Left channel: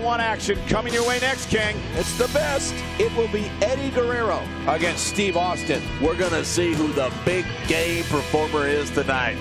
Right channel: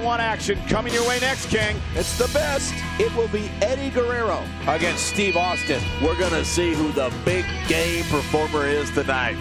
One action coming your way next, King. It's the best. It will be Eddie Guerrero Against Steve Austin. We're going to see who the big game performer is tonight.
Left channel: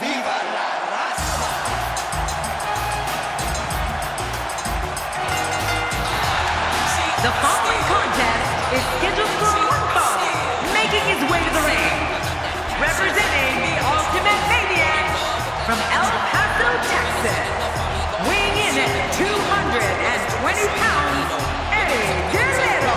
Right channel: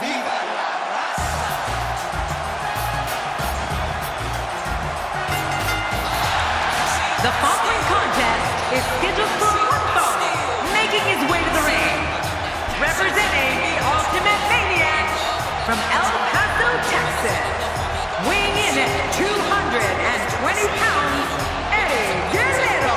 Viva la raza! The following contest is scheduled for one fall, making his way to the ring. Representing the Ultimate Maniac from El Paso, Texas. Weighing in at 220 pounds, Eddie Guerrero.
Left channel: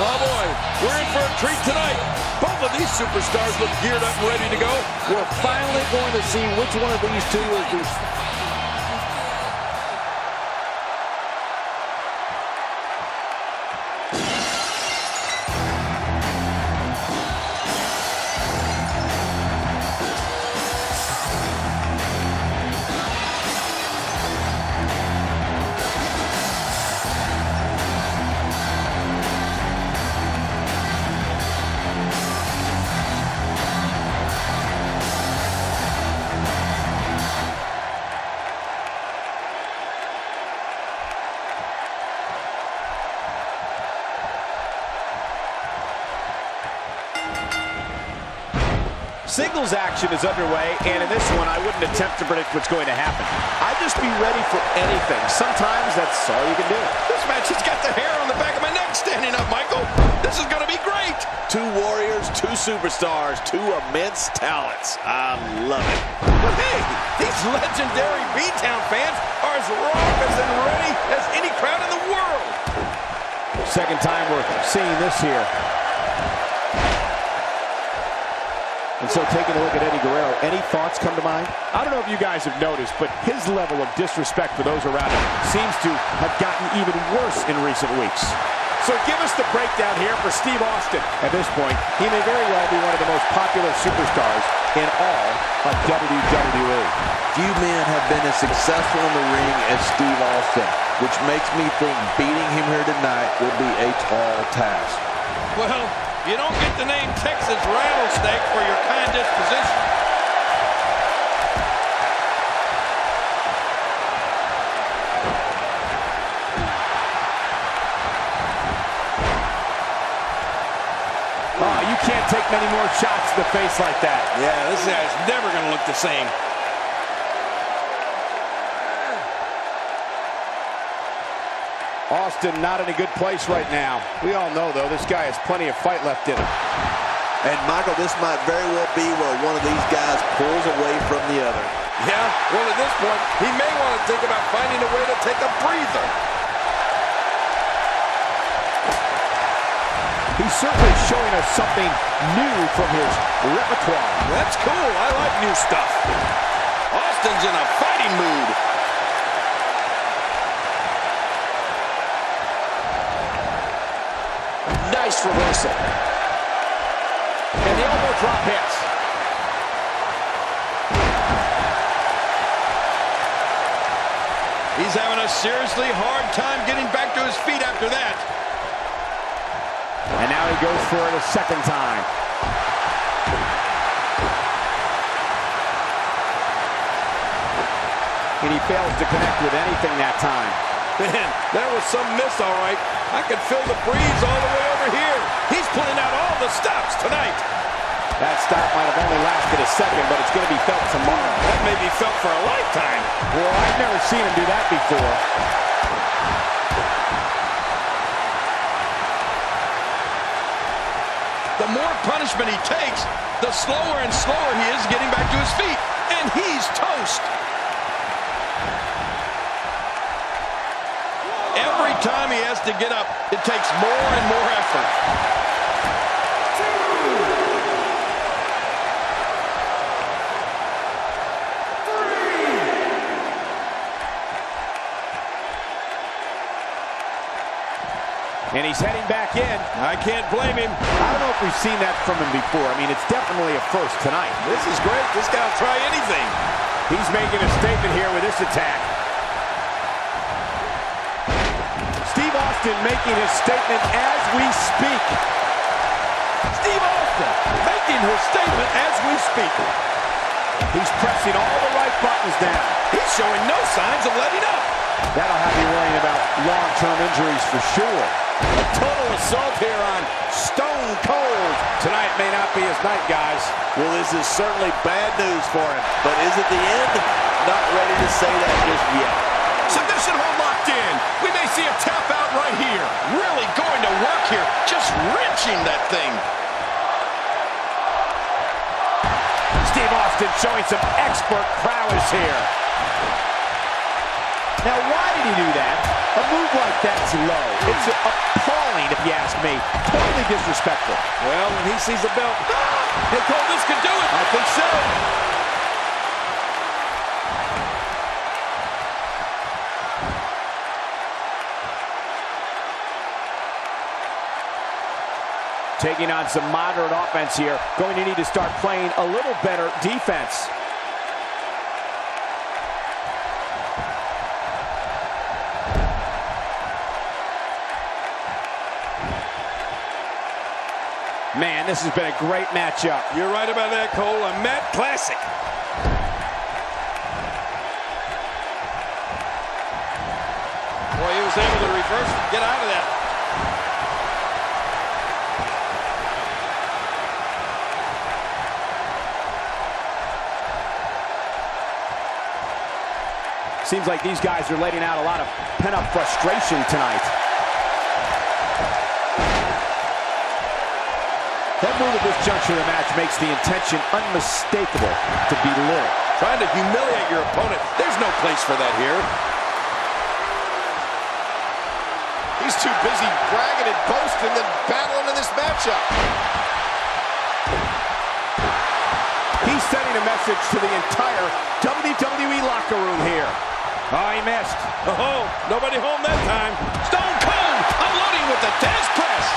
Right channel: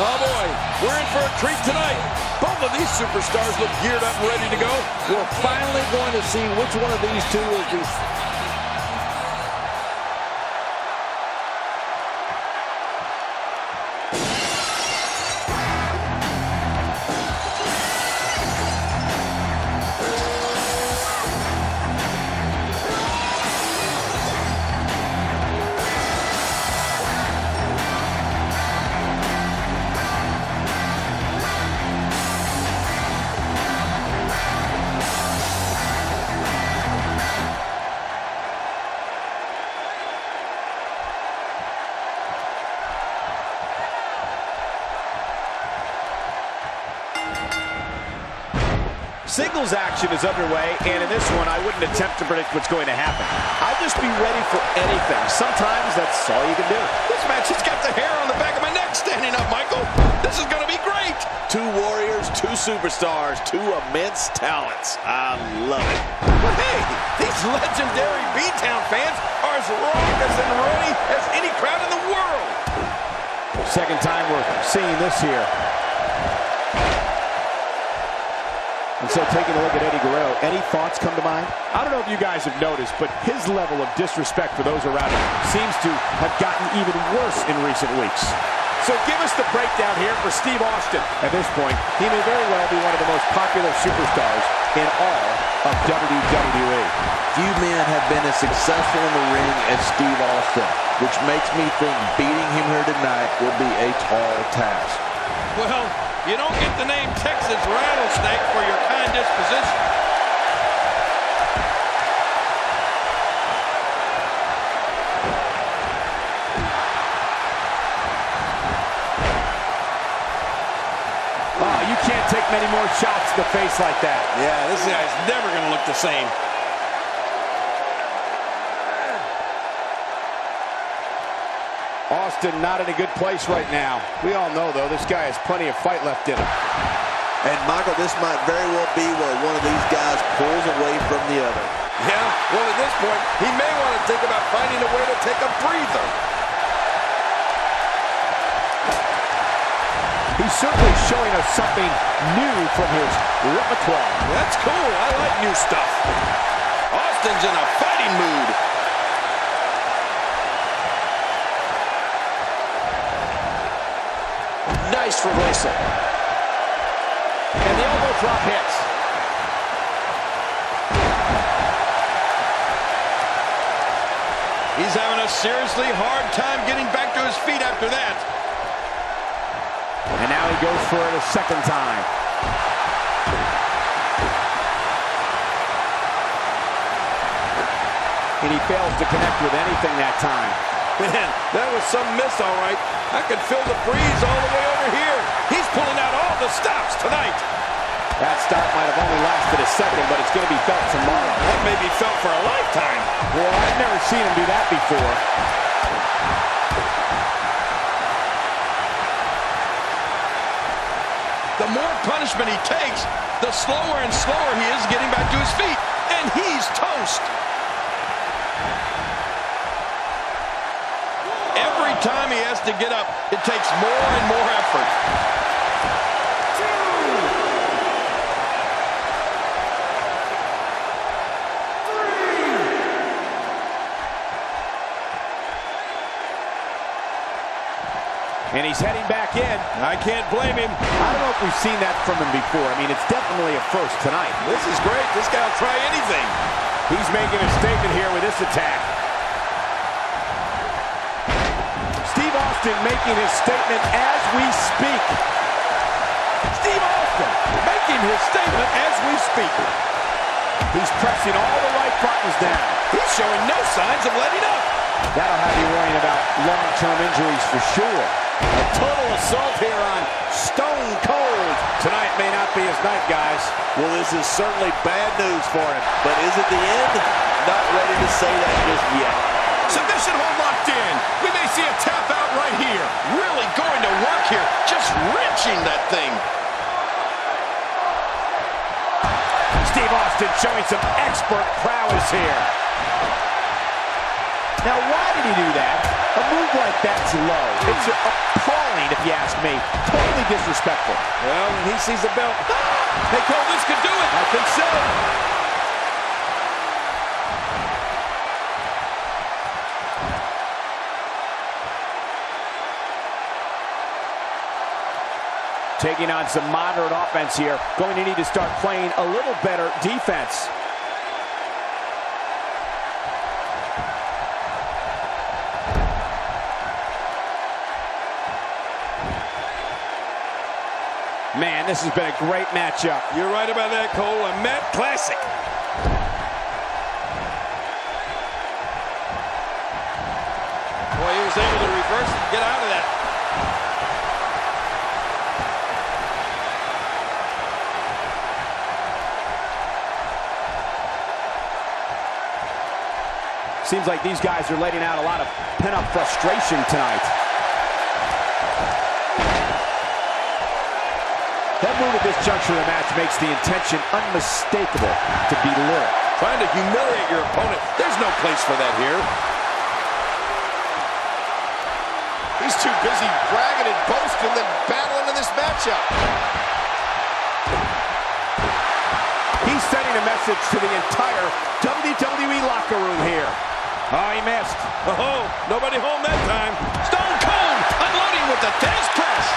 Oh boy, we're in for a treat tonight. Both of these superstars look geared up and ready to go. We're finally going to see which one of these two is the... Singles action is underway, and in this one, I wouldn't attempt to predict what's going to happen. I'd just be ready for anything. Sometimes that's all you can do. This match has got the hair on the back of my neck standing up, Michael. This is going to be great. Two warriors, two superstars, two immense talents. I love it. But hey, these legendary B-Town fans are as raucous and ready as any crowd in the world. Second time we're seeing this here. And so taking a look at Eddie Guerrero, any thoughts come to mind? I don't know if you guys have noticed, but his level of disrespect for those around him seems to have gotten even worse in recent weeks. So give us the breakdown here for Steve Austin. At this point, he may very well be one of the most popular superstars in all of WWE. Few men have been as successful in the ring as Steve Austin, which makes me think beating him here tonight will be a tall task. Well, you don't get the name Texas Rattlesnake for your kind disposition. Oh, you can't take many more shots to the face like that. Yeah, this guy's never going to look the same. Austin not in a good place right now. We all know, though, this guy has plenty of fight left in him. And, Michael, this might very well be where one of these guys pulls away from the other. Yeah, well, at this point, he may want to think about finding a way to take a breather. He's certainly showing us something new from his repertoire. That's cool. I like new stuff. Austin's in a fighting mood. Nice reversal. And the elbow drop hits. He's having a seriously hard time getting back to his feet after that. And now he goes for it a second time. And he fails to connect with anything that time. Man, that was some miss, all right. I could feel the breeze all the way over here. He's pulling out all the stops tonight. That stop might have only lasted a second, but it's going to be felt tomorrow. That may be felt for a lifetime. Well, I've never seen him do that before. The more punishment he takes, the slower and slower he is getting back to his feet. And he's toast. Every time he has to get up, it takes more and more effort. And he's heading back in. I can't blame him. I don't know if we've seen that from him before. I mean, it's definitely a first tonight. This is great. This guy will try anything. He's making a statement here with this attack. Steve Austin making his statement as we speak. Steve Austin making his statement as we speak. He's pressing all the right buttons now. He's showing no signs of letting up. That'll have you worrying about long-term injuries for sure. A total assault here on Stone Cold. Tonight may not be his night, guys. Well, this is certainly bad news for him, but is it the end? Not ready to say that just yet. Submission hold locked in. We may see a tap out right here. Really going to work here. Just wrenching that thing. Steve Austin showing some expert prowess here. Now, why did he do that? A move like that's low. It's appalling, if you ask me. Totally disrespectful. Well, when he sees the belt, hey, Cole, this could do it. I think so. Taking on some moderate offense here. Going to need to start playing a little better defense. Man, this has been a great matchup. You're right about that, Cole. A Matt classic. Boy, he was able to reverse and get out of that. Seems like these guys are letting out a lot of pent-up frustration tonight. That move at this juncture of the match makes the intention unmistakable to belittle. Trying to humiliate your opponent. There's no place for that here. He's too busy bragging and boasting than battling in this matchup. He's sending a message to the entire WWE locker room here. Oh, he missed. Oh, nobody home that time. Stone Cold unloading with the Tez press.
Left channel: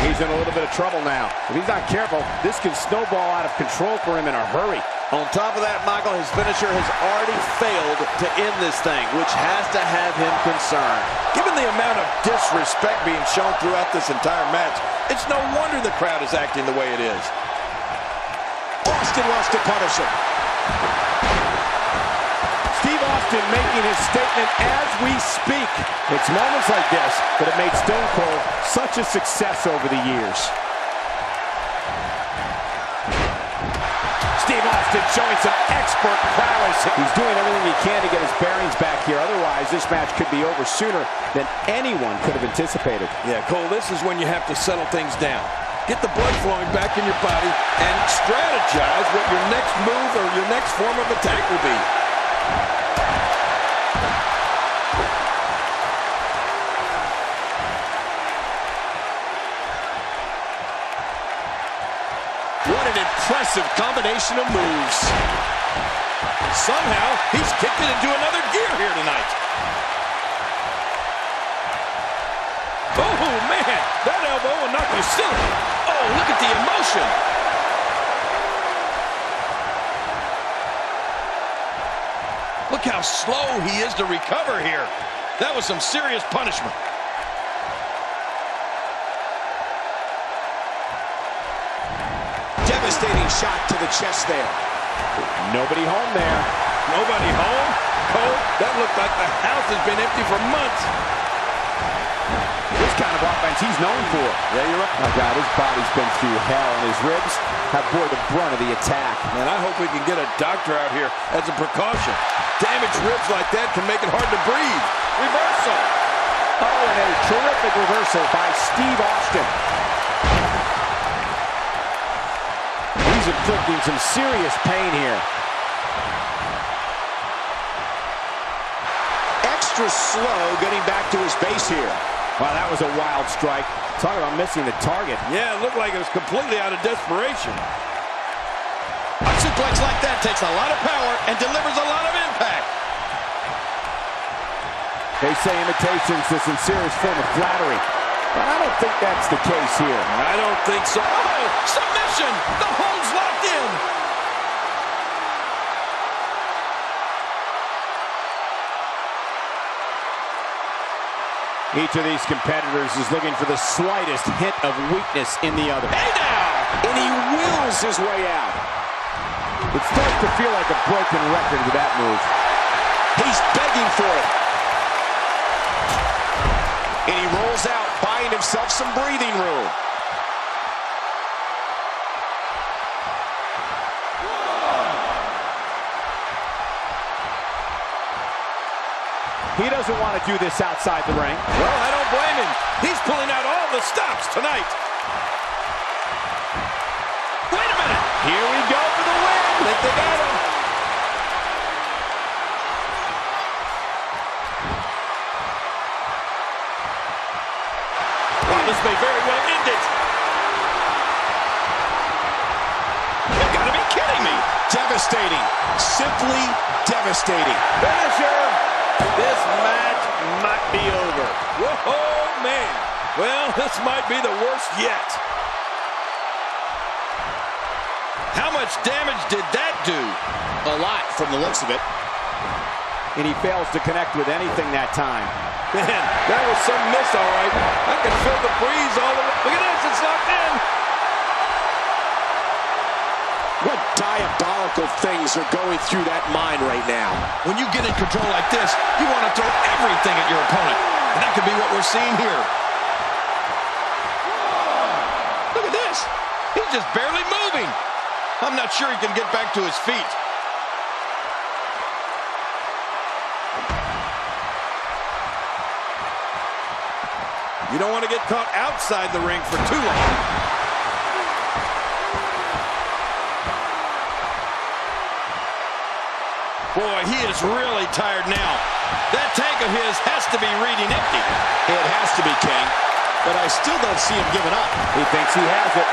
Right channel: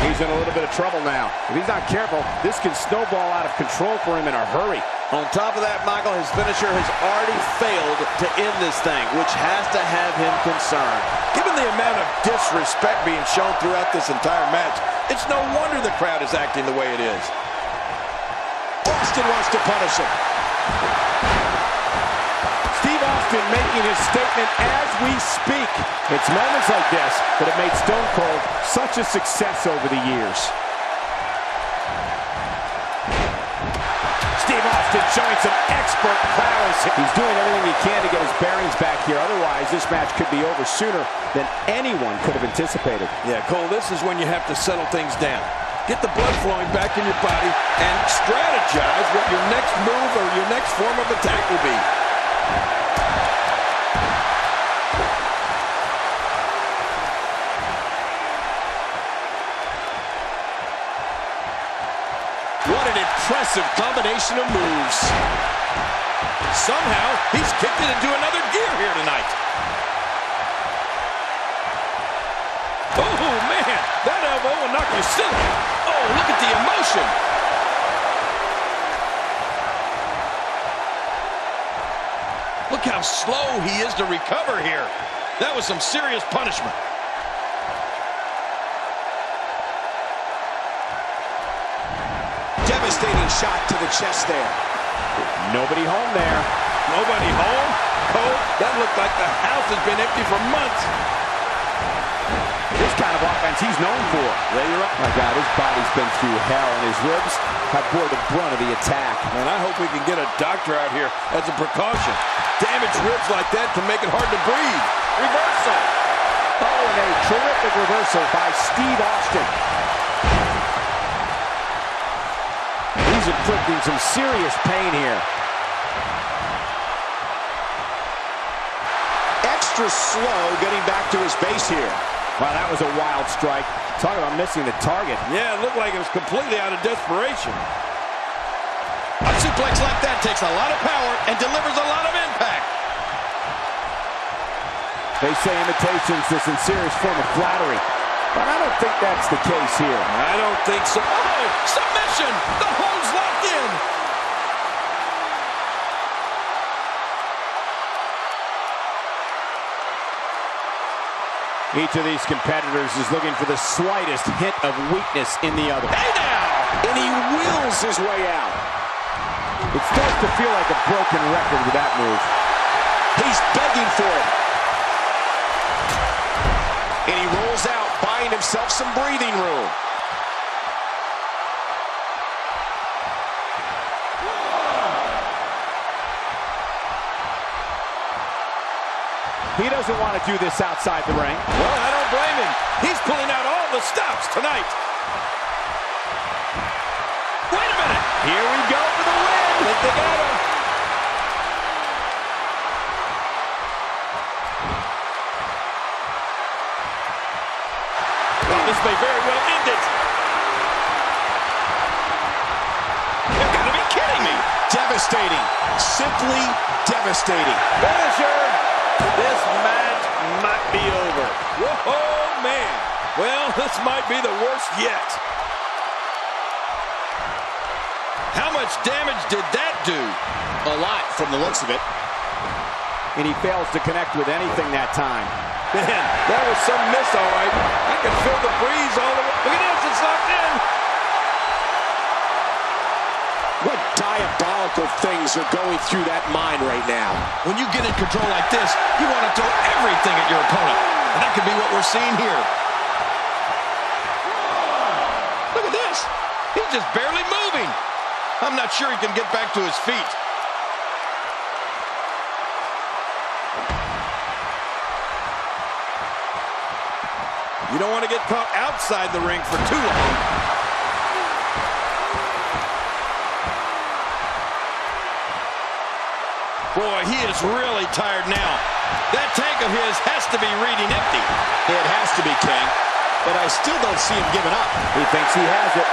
He's in a little bit of trouble now. If he's not careful, this can snowball out of control for him in a hurry. On top of that, Michael, his finisher has already failed to end this thing, which has to have him concerned. Given the amount of disrespect being shown throughout this entire match, it's no wonder the crowd is acting the way it is. Austin wants to punish him. Steve Austin making his statement as we speak. It's moments like this that have made Stone Cold such a success over the years. Steve Austin showing some expert prowess. He's doing everything he can to get his bearings back here. Otherwise, this match could be over sooner than anyone could have anticipated. Yeah, Cole, this is when you have to settle things down. Get the blood flowing back in your body and strategize what your next move or your next form of attack will be. What an impressive combination of moves. Somehow, he's kicked it into another gear here tonight. Oh, man, that elbow will knock you silly. Oh, look at the emotion. Look how slow he is to recover here. That was some serious punishment. Devastating shot to the chest there. Nobody home there. Nobody home? Cole, that looked like the house has been empty for months. This kind of offense he's known for. Yeah, you're right. My God, his body's been through hell, and his ribs have bore the brunt of the attack. Man, I hope we can get a doctor out here as a precaution. Damaged ribs like that can make it hard to breathe. Reversal. Oh, and a terrific reversal by Steve Austin. He's inflicting some serious pain here. Extra slow getting back to his base here. Wow, that was a wild strike. Talk about missing the target. Yeah, it looked like it was completely out of desperation. A suplex like that takes a lot of power and delivers a lot of impact. They say imitation's the sincerest form of flattery, but I don't think that's the case here. I don't think so. Oh, submission! The hold's locked in! Each of these competitors is looking for the slightest hint of weakness in the other. Hey now! And he wills his way out. It starts to feel like a broken record with that move. He's begging for it. And he rolls out, buying himself some breathing room. He doesn't want to do this outside the ring. Well, I don't blame him. He's pulling out all the stops tonight. Wait a minute. Here we go for the win. I think they got him. Well, this may very well end it. You've got to be kidding me. Devastating. Simply devastating. Finisher. This match might be over. Whoa, man. Well, this might be the worst yet. How much damage did that do? A lot from the looks of it. And he fails to connect with anything that time. Man, that was some miss, all right. I can feel the breeze all the way. Look at this, it's locked in. What diabolical things are going through that mind right now? When you get in control like this, you want to throw everything at your opponent. And that could be what we're seeing here. Look at this. He's just barely moving. I'm not sure he can get back to his feet. You don't want to get caught outside the ring for too long. Boy, he is really tired now. That tank of his has to be reading empty. It has to be, King. But I still don't see him giving up. He thinks he has it.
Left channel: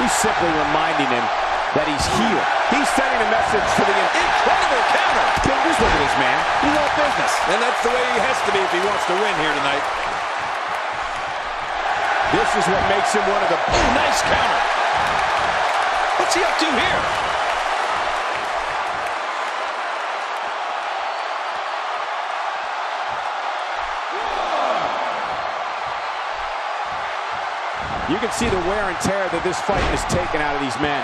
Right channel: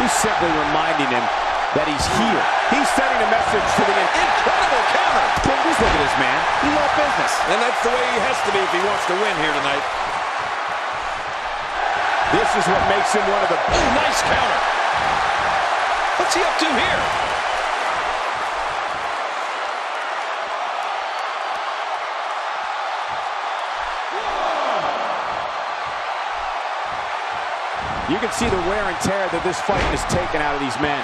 He's simply reminding him that he's here. He's sending a message to the Incredible counter. King, just look at this man. He's all business. And that's the way he has to be if he wants to win here tonight. This is what makes him one of the... Oh, nice counter. What's he up to here? You can see the wear and tear that this fight has taken out of these men.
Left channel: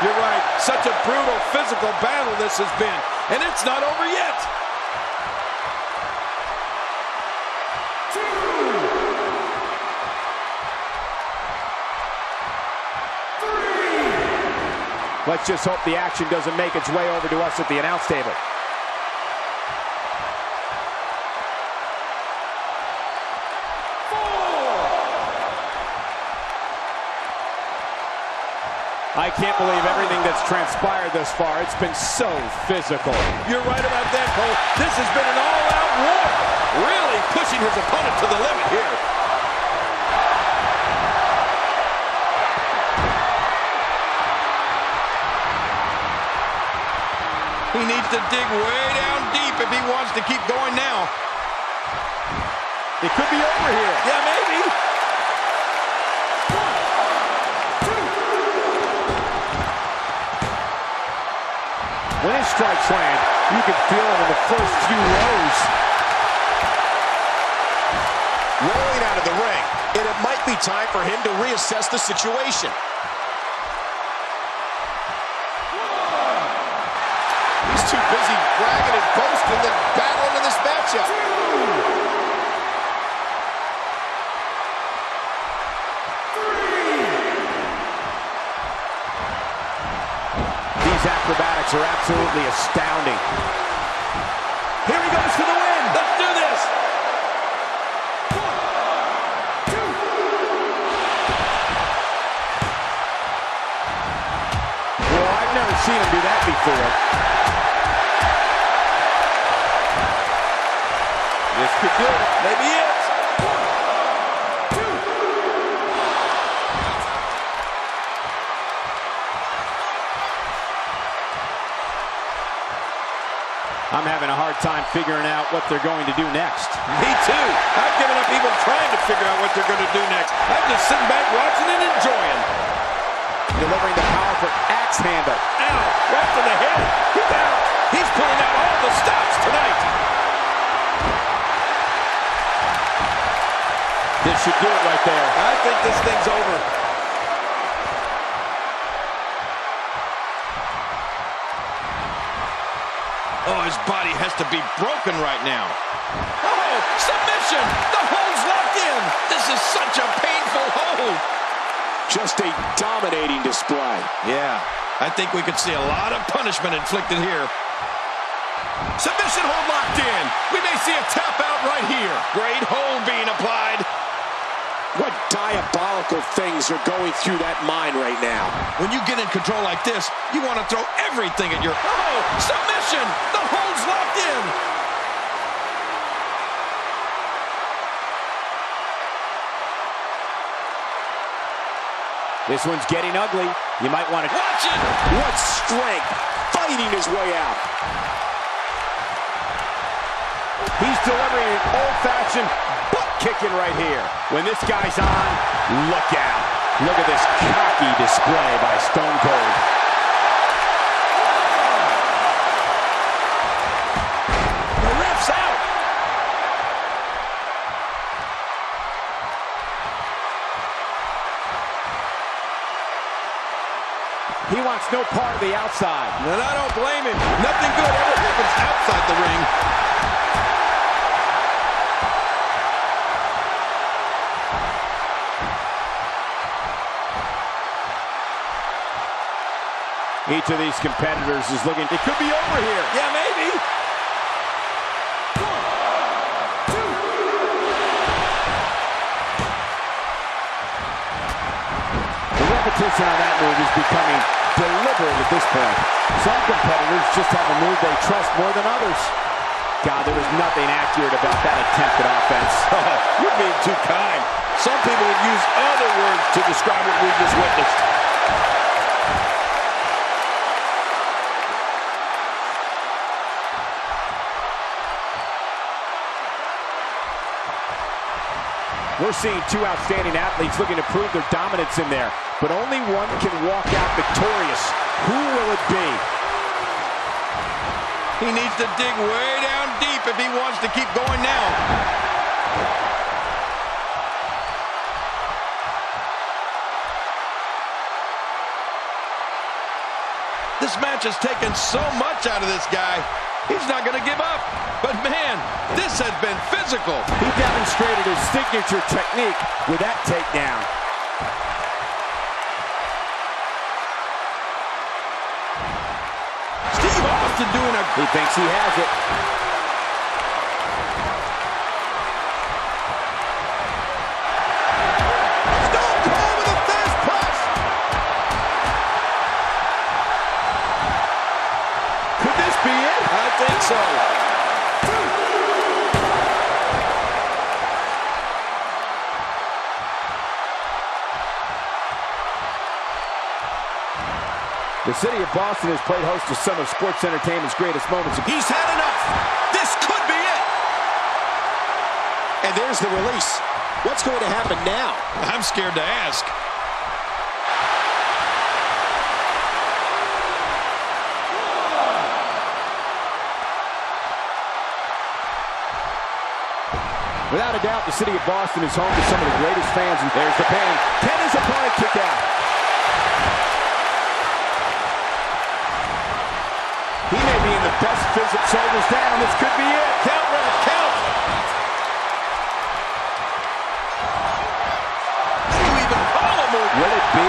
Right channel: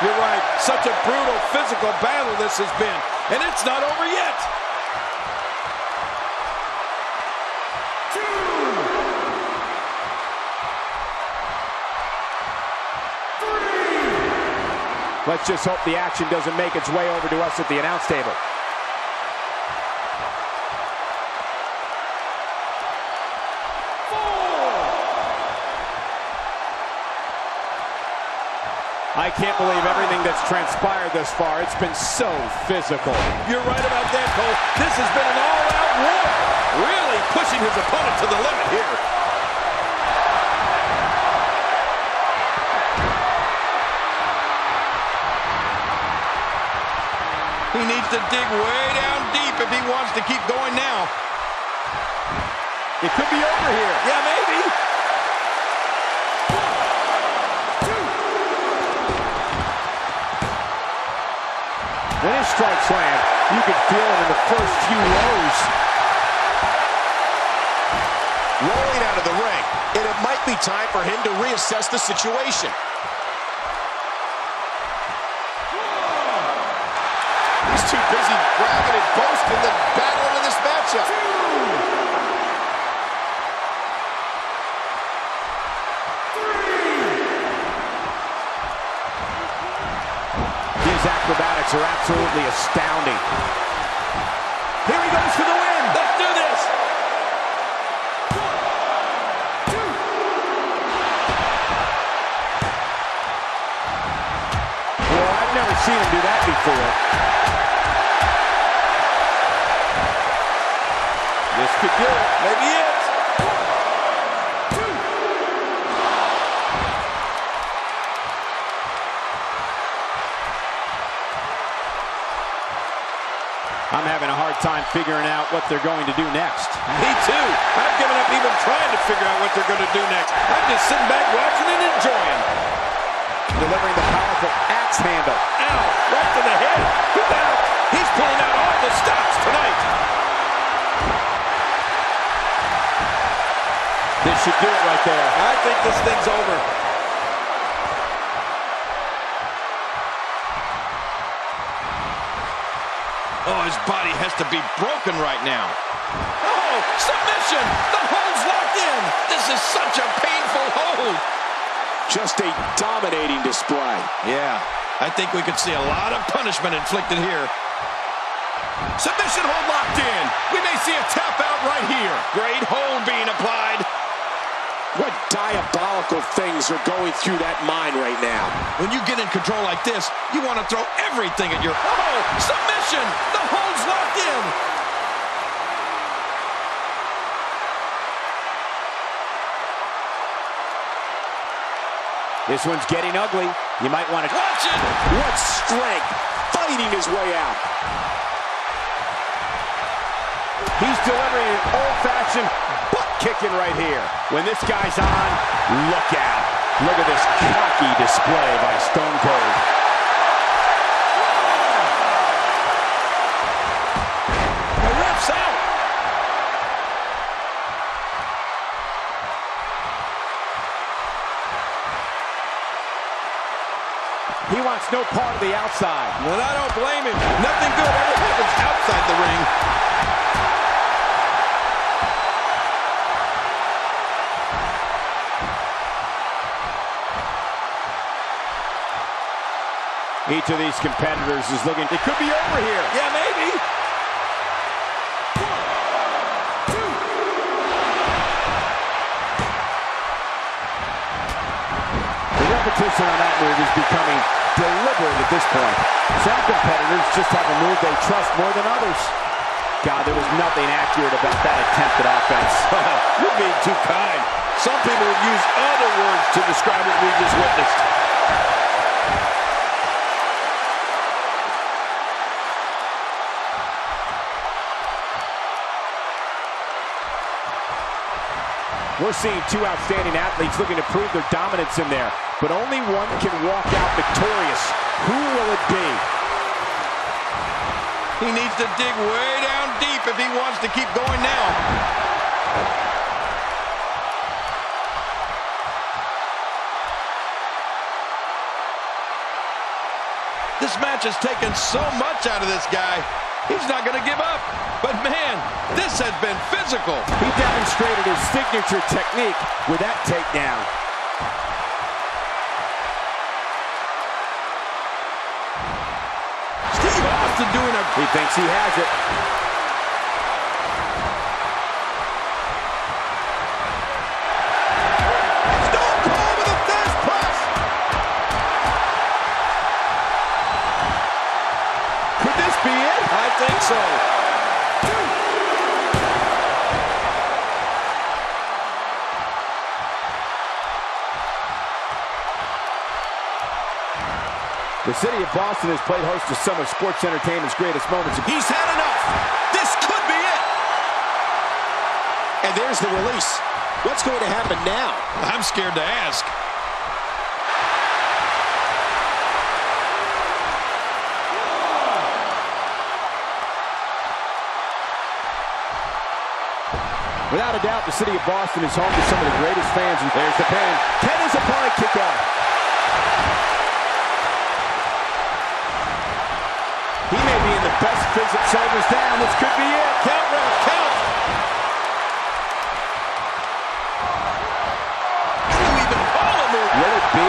You're right. Such a brutal physical battle this has been. And it's not over yet. Let's just hope the action doesn't make its way over to us at the announce table. I can't believe everything that's transpired thus far. It's been so physical. You're right about that, Cole. This has been an all-out war. Really pushing his opponent to the limit here. He needs to dig way down deep if he wants to keep going now. It could be over here. Yeah, maybe. When his strikes land, you can feel it in the first few rows. Rolling out of the ring, and it might be time for him to reassess the situation. He's too busy bragging and boasting than battling in this matchup. These acrobatics are absolutely astounding. Here he goes for the win. Let's do this. 1, 2. Well, I've never seen him do that before. This could do it. Maybe it. 1, 2. I'm having a hard time figuring out what they're going to do next. Me too. I've given up even trying to figure out what they're going to do next. I'm just sitting back watching and enjoying. delivering the powerful axe handle. Ow, right to the head. He's out. He's pulling out all the stops tonight. This should do it right there. I think this thing's over. Oh, his body has to be broken right now. Oh, submission! The hold's locked in. This is such a painful hold. Just a dominating display. Yeah, I think we could see a lot of punishment inflicted here. Submission hold locked in. We may see a tap out right here. Great hold being applied. What diabolical things are going through that mind right now? When you get in control like this, you want to throw everything at your... Oh, submission! The hold's locked in. This one's getting ugly. You might want to... Watch it! What strength! Fighting his way out. He's delivering an old-fashioned butt kicking right here. When this guy's on, look out. Look at this cocky display by Stone Cold. The ref's out. He wants no part of the outside. And I don't blame him. Nothing good ever happens outside the ring. Each of these competitors is looking, it could be over here. Yeah, maybe. 1, 2. The repetition on that move is becoming deliberate at this point. Some competitors just have a move they trust more than others. God, there was nothing accurate about that attempted offense. Oh, you're being too kind. Some people would use other words to describe what we just witnessed. We're seeing two outstanding athletes looking to prove their dominance in there, but only one can walk out victorious. Who will it be? He needs to dig way down deep if he wants to keep going now. This match has taken so much out of this guy. He's not going to give up. But man, this has been physical. He demonstrated his signature technique with that takedown. Steve Austin doing a... He thinks he has it. Stone Cold with a fist press. Could this be it? I think so. 2. The city of Boston has played host to some of sports entertainment's greatest moments. He's had enough. This could be it. And there's the release. What's going to happen now? I'm scared to ask. Without a doubt, the city of Boston is home to some of the greatest fans. And there's the pin. Can his opponent kick out? He may be in the best physical. Shoulders down. This could be it. Count, ref, count. How do you even call a move? Will it be?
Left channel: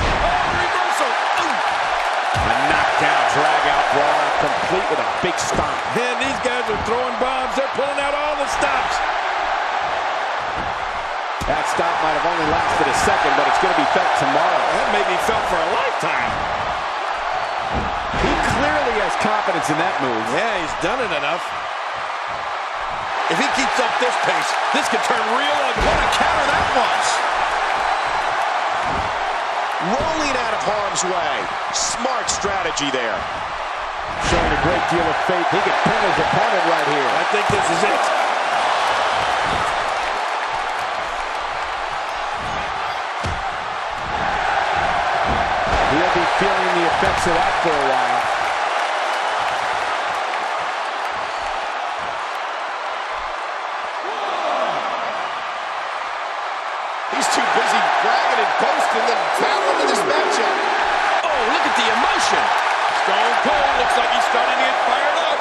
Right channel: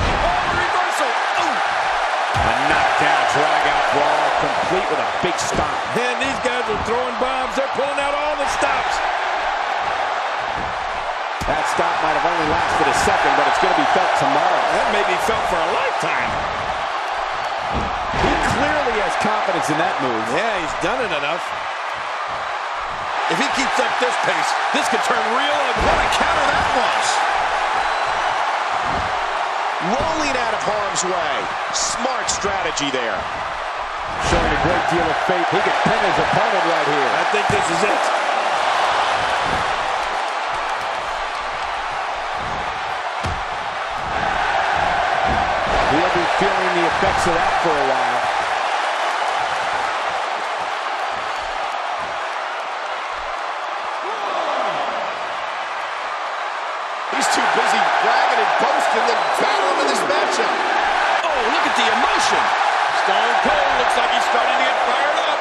Oh, reversal. Oh. A knockdown, drag-out brawl, complete with a big stomp. Man, these guys are throwing bombs. They're pulling out all the stops. That stop might have only lasted a second, but it's going to be felt tomorrow. That may be felt for a lifetime. He clearly has confidence in that move. Yeah, he's done it enough. If he keeps up this pace, this could turn real ugly. What a counter that was. Rolling out of harm's way. Smart strategy there. Showing a great deal of faith. He could pin his opponent right here. I think this is it. He'll be feeling the effects of that for a while. He's too busy bragging and boasting than battling in this matchup. Oh, look at the emotion. Stone Cold looks like he's starting to get fired up.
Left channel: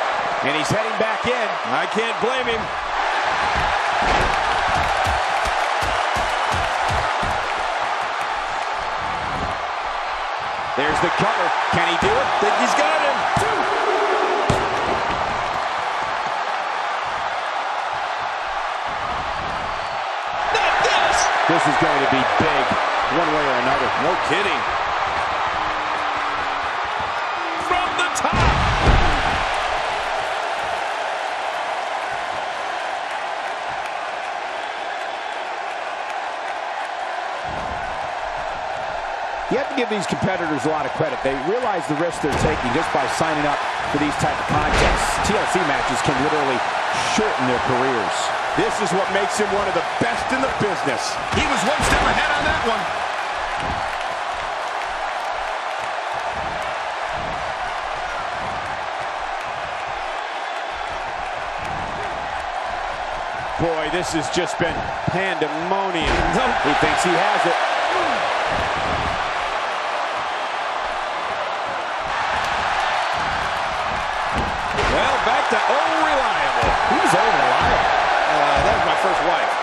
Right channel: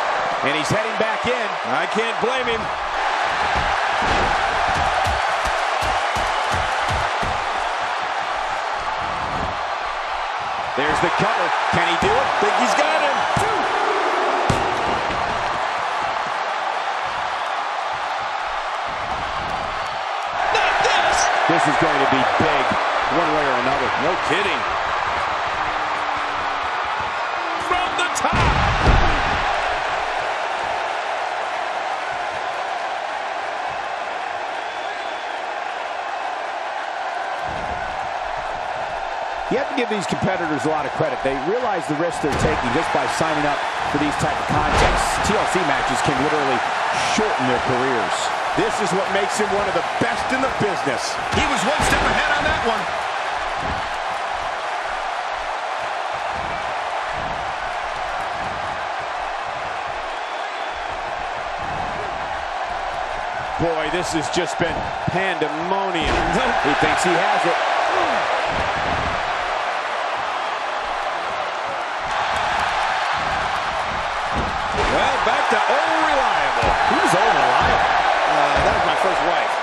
And he's heading back in. I can't blame him. There's the cover. Can he do it? Think he's got him. Not this. This is going to be big, one way or another. No kidding. From the top. You have to give these competitors a lot of credit. They realize the risk they're taking just by signing up for these type of contests. TLC matches can literally shorten their careers. This is what makes him one of the best in the business. He was one step ahead on that one. Boy, this has just been pandemonium. Nope. He thinks he has it. Well, back to old reliable. He was old reliable. That was my first wife.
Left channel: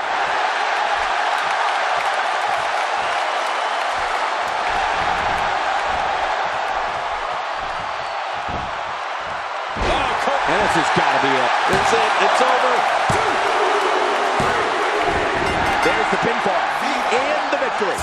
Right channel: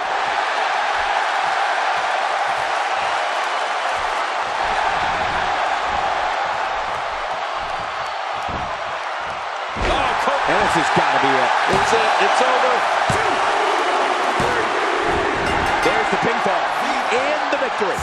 Oh, And this has got to be it. it's it. It's over. There's the pinfall and the victory.